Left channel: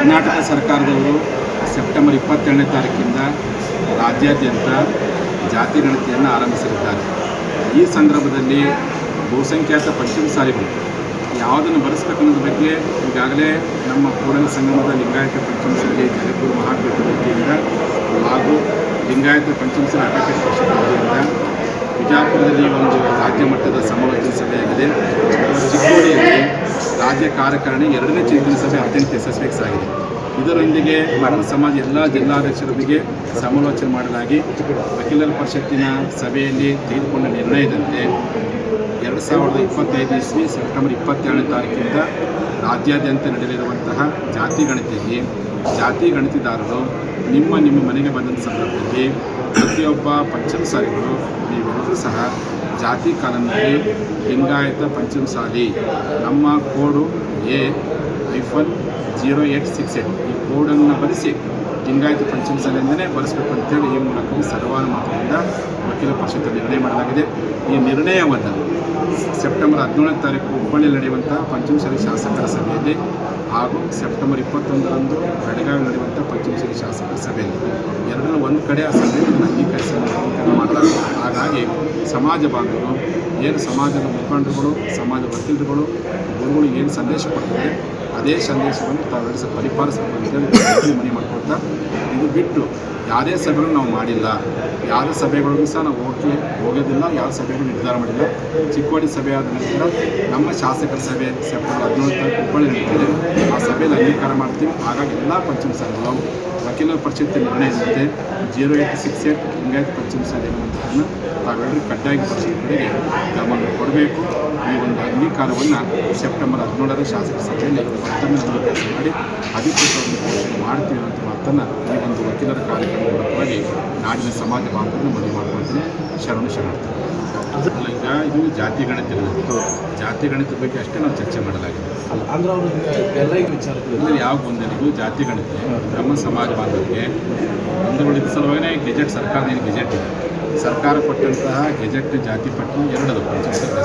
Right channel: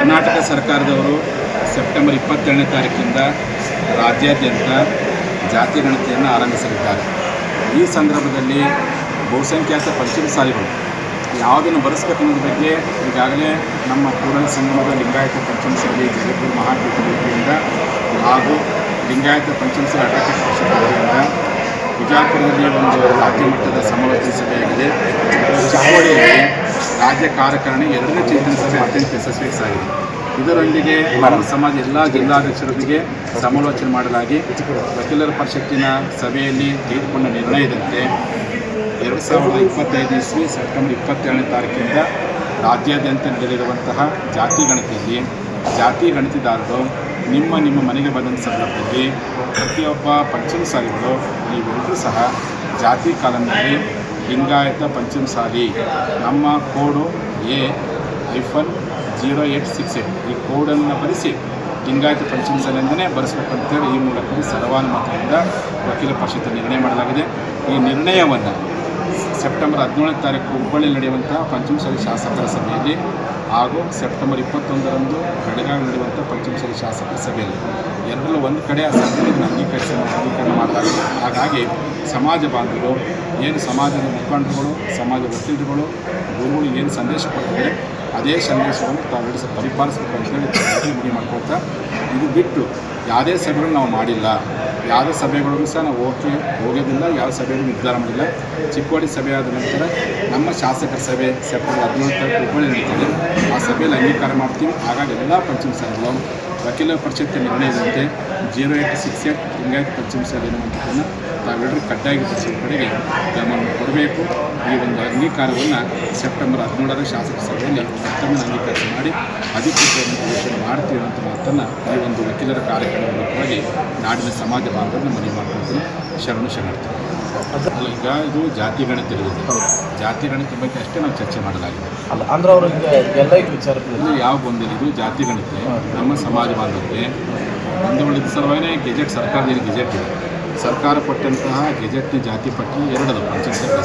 ಕರ್ನಾಟಕ ಸರ್ಕಾರದವರು ಸೆಪ್ಟೆಂಬರ್ 22ನೇ ತಾರೀಕಿಂದ ರಾಜ್ಯಾದ್ಯಂತ ಜಾತಿ ಗಣತಿಯನ್ನು ಆರಂಭಿಸಲಿದ್ದಾರೆ. ಈ ಸಂದರ್ಭದಲ್ಲಿ ಬಹುಸಂಖ್ಯಾತ ಪಂಚಮಸಾಲಿಗಳು ಯಾವುದನ್ನು ಬರೆಸಬೇಕು ಅನ್ನೋದ್ರ ಬಗ್ಗೆ ಈಗಾಗಲೇ ನಮ್ಮ ಕೂಡಲ ಸಂಗಮದ ಲಿಂಗಾಯತ ಪಂಚಮಸಾಲಿ ಜಗದ್ಗುರು ಮಹಾಪೀಠ ವತಿಯಿಂದ ಹಾಗೂ ಲಿಂಗಾಯತ ಪಂಚಮಸಾಲಿ ಅಡ್ವೊಕೇಟ್ ಪರಿಷತ್ ವತಿಯಿಂದ ಬಿಜಾಪುರದಲ್ಲಿ ಒಂದು ರಾಜ್ಯ ಮಟ್ಟದ ಸಮಾಲೋಚನಾ ಸಭೆಯಾಗಿದೆ. ಚಿಕ್ಕೋಡಿಯಲ್ಲಿ ರಾಜ್ಯ ಕಾರ್ಯಕಾರಿಣಿ 2ನೇ ಚಿಂತನೆ ಸಭೆ ಅತ್ಯಂತ ಯಶಸ್ವಿ ಸಾಗಿದೆ. ಇದರೊಂದಿಗೆ ನಮ್ಮ ಸಮಾಜ ಎಲ್ಲ ಜಿಲ್ಲಾಧ್ಯಕ್ಷರೊಂದಿಗೆ ಸಮಾಲೋಚನೆ ಮಾಡಲಾಗಿ ವಕೀಲರ ಪರಿಷತ್ತಿನ ಸಭೆಯಲ್ಲಿ ತೆಗೆದುಕೊಂಡ ನಿರ್ಣಯದಂತೆ 2025 ಇಸ್ವಿ ಸೆಪ್ಟೆಂಬರ್ 22ನೇ ತಾರೀಕಿಂದ ರಾಜ್ಯಾದ್ಯಂತ ನಡೆಯಲಿರುವಂತಹ ಜಾತಿ ಗಣತಿಯಲ್ಲಿ ಜಾತಿ ಗಣತಿದಾರರು ನಿಮ್ಮ ಮನೆಗೆ ಬಂದಂಥ ಸಂದರ್ಭದಲ್ಲಿ ಪ್ರತಿಯೊಬ್ಬ ಪಂಚಮಸಾಲಿಗಳು ನೀವೆಲ್ಲರೂ ಸಹ ಜಾತಿ ಕಾಲಂನಲ್ಲಿ ಲಿಂಗಾಯತ ಪಂಚಮಸಾಲಿ ನಮ್ಮ ಕೋಡು A-0868 ಈ ಕೋಡನ್ನು ಬರೆಸಿ ಲಿಂಗಾಯತ ಪಂಚಮಸಾಲಿಯಿಂದಲೇ ಬರೆಸ್ಬೇಕು ಅಂತೇಳಿ ಈ ಮೂಲಕ ಸರ್ವಾನುಮತದಿಂದ ವಕೀಲ ಪರಿಷತ್ ನಿರ್ಣಯ ಮಾಡಲಾಗಿದೆ. ಈ ನಿರ್ಣಯವನ್ನು ಸೆಪ್ಟೆಂಬರ್ 17ನೇ ತಾರೀಕು ಹುಬ್ಬಳ್ಳಿಯಲ್ಲಿ ನಡೆಯುವಂಥ ಪಂಚಮಸಾಲಿ ಶಾಸಕರ ಸಭೆಯಲ್ಲಿ ಹಾಗೂ ಸೆಪ್ಟೆಂಬರ್ 21ರಂದು ಬೆಳಗಾವಿ ನಡೆಯುವಂಥ ಪಂಚಮಸಾಲಿ ಶಾಸಕರ ಸಭೆಯಲ್ಲಿ ಎರಡರಲ್ಲೂ ಒಂದು ಕಡೆ ಆ ಸಭೆಯಲ್ಲಿ ಅಂಗೀಕರಣ ಮಾಡಲಾಗಿದೆ. ಹಾಗಾಗಿ ಸಮಾಜ ಬಾಂಧವರು ಏನು ಸಮಾಜದ ಮುಖಂಡರುಗಳು, ಸಮಾಜದ ವಕೀಲರುಗಳು, ಗುರುಗಳು ಏನು ಸಂದೇಶ ಕೊಟ್ಟಿದ್ದಾರೆ ಅದೇ ಸಂದೇಶವನ್ನು ತಾವೆರಡು ಪರಿಪಾಲಿಸಬೇಕು ಅಂತೇಳಿ ಮನವಿ ಮಾಡ್ಕೊಳ್ತಾ, ಇದು ಬಿಟ್ಟು ಯಾವುದೇ ಸಭೆಗಳು ನಾವು ಮಾಡಿಲ್ಲ, ಯಾವುದೇ ಸಭೆಗಳಿಗೂ ಸಹ ನಾವು ಹೋಗೋದಿಲ್ಲ, ಯಾವ ಸಭೆಗಳು ನಿರ್ಧಾರ ಮಾಡಿಲ್ಲ. ಚಿಕ್ಕೋಡಿ ಸಭೆ ಆದ ನಂತರ ನಮ್ಮ ಶಾಸಕರ ಸಭೆ ಸೆಪ್ಟೆಂಬರ್ 17ನೇ ತಾರೀಕು ಹುಬ್ಬಳ್ಳಿ ನಡೀತಿದೆ. ಆ ಸಭೆಯಲ್ಲಿ ಅಂಗೀಕಾರ ಮಾಡ್ತೀವಿ. ಹಾಗಾಗಿ ಎಲ್ಲ ಪಂಚಮಸಾಲಿಗಳು ವಕೀಲರ ಪರಿಷತ್ತಿನ ನಿರ್ಣಯದಂತೆ 0868 ಲಿಂಗಾಯತ ಪಂಚಮಸಾಲಿ ಎನ್ನುವಂಥದ್ದನ್ನು ತಾವೆಲ್ಲರೂ ಕಡ್ಡಾಯ ಪರಿಷತ್ ಕಡೆಗೆ ಗಮನ ಕೊಡಬೇಕು. ಈ ಒಂದು ಅಂಗೀಕಾರವನ್ನು ಸೆಪ್ಟೆಂಬರ್ 17ರ ಶಾಸಕ ಸಭೆಯಲ್ಲಿ ಮತ್ತೊಮ್ಮೆ ಅಂಗೀಕರಿಸಿ ಮಾಡಿ ಅಧಿಕೃತವಾಗಿ ಘೋಷಣೆ ಮಾಡ್ತೀವಿ ಅಂತ ಮಾತನ್ನು ಈ ಒಂದು ವಕೀಲರ ಕಾರ್ಯಕ್ರಮ ಮೂಲಕವಾಗಿ ನಾಡಿನ ಸಮಾಜ ಬಾಂಧವರನ್ನು ಮನವಿ ಮಾಡ್ಕೊಳ್ತೀನಿ. ಶರಣಾರ್ಥಿ. ಅಲ್ಲ, ಈಗ ಇದು ಜಾತಿ ಗಣತಿ ಇರೋದು, ಜಾತಿ ಗಣತಿ ಬಗ್ಗೆ ಅಷ್ಟೇ ನಾವು ಚರ್ಚೆ ಮಾಡಲಾಗಿದೆ. ಅಂದ್ರೆ ಅವ್ರಿಗೆ ಎಲ್ಲ ವಿಚಾರಗಳು ಯಾವ ಗೊಂದಲ, ಇದು ಜಾತಿ ಗಣತಿ ನಮ್ಮ ಸಮಾಜ ಬಾಂಧವರಿಗೆ ಬಂಧುಗಳಿದ್ದ ಸಲುವಾಗಿ ಗೆಜೆಟ್ ಸರ್ಕಾರದ ಗೆಜೆಟ್ ಇದೆ. ಸರ್ಕಾರ ಕೊಟ್ಟಂತಹ ಗೆಜೆಟ್ ಜಾತಿ ಪಟ್ಟಿ ಎರಡದು ಪಂಚಾಯತ್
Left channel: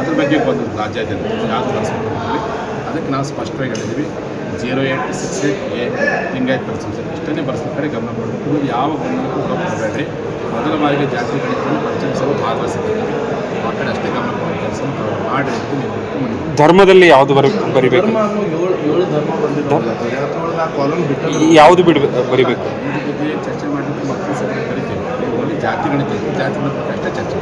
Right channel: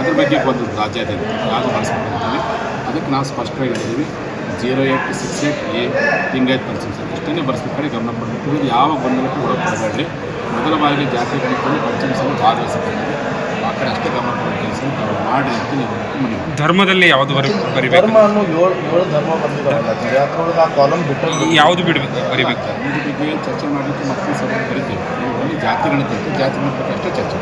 ಅದ್ರ ಬಗ್ಗೆ ಒಂದು ರಾಜ್ಯಾದ್ಯಂತ ಯಾವುದು ಬಳಸ್ಬೇಕು ಅಂತೇಳಿ ಅದಕ್ಕೆ ನಾವು ಸ್ಪಷ್ಟವಾಗಿ ಹೇಳಿದ್ದೀವಿ. 0868 ಲಿಂಗಾಯತ್ ಪಂಚಮಸಾಲಿ ಇಷ್ಟನ್ನೇ ಬಳಸ್ಬೇಕಾದ್ರೆ ಗಮನ ಕೊಡಬೇಕು. ಉಳಿದು ಯಾವ ಗೊಂದಲಕ್ಕೂ ಕೊಡಬೇಡ್ರಿ. ಮೊದಲ ಬಾರಿಗೆ ಜಾತಿ ಗಣತಿಯಲ್ಲಿ ಪಂಚಮಸಾಲಿ ಭಾಗವಹಿಸಿದ್ದಾರೆ. ಆ ಕಡೆ ಅಷ್ಟೇ ಗಮನ ಕೊಡೋ ಕೆಲಸ ನಾವು ಮಾಡಿರಿ ಅಂತ ನೀವು ಮನವಿ. ಧರ್ಮದಲ್ಲಿ ಯಾವುದು ಬರಿಬೇಕು? ಯಾವುದು ಬರಿಬೇಕು? ಇದ್ರ ಬಗ್ಗೆ ಚರ್ಚೆ ಮಾಡಲಿಕ್ಕೆ ಮಕ್ಕಳು ಸಭೆ ಕರಿತೇವೆ. ಜಾತಿ ಗಣತಿ ಜಾತಿ ಗಣತಿ ಅಷ್ಟೇ ಚರ್ಚೆ